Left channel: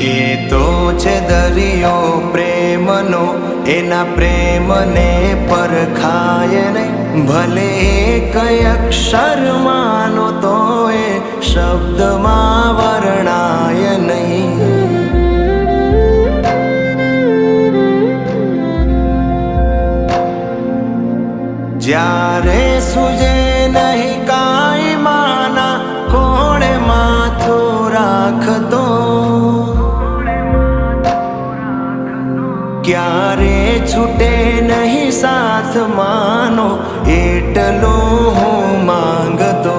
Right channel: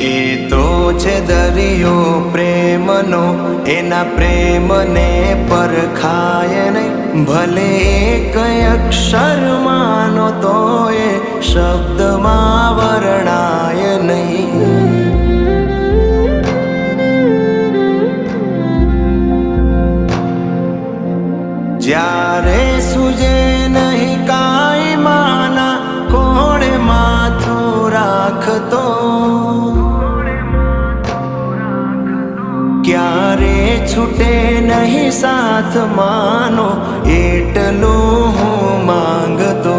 એ તો છે દરિયો પ્રેમનો, એના પ્રેમને પરખાય નહીં. ભલે કઈ અક્ષર માનો તો એ શબ્દમાં વર્ણાય નહીં. જ્યારે સુજે નહીં કાંઈ માના કોણે માથું રાખતો, ક્યારે છૂટે નહીં સાથ માનો એટલું હું માંગતો.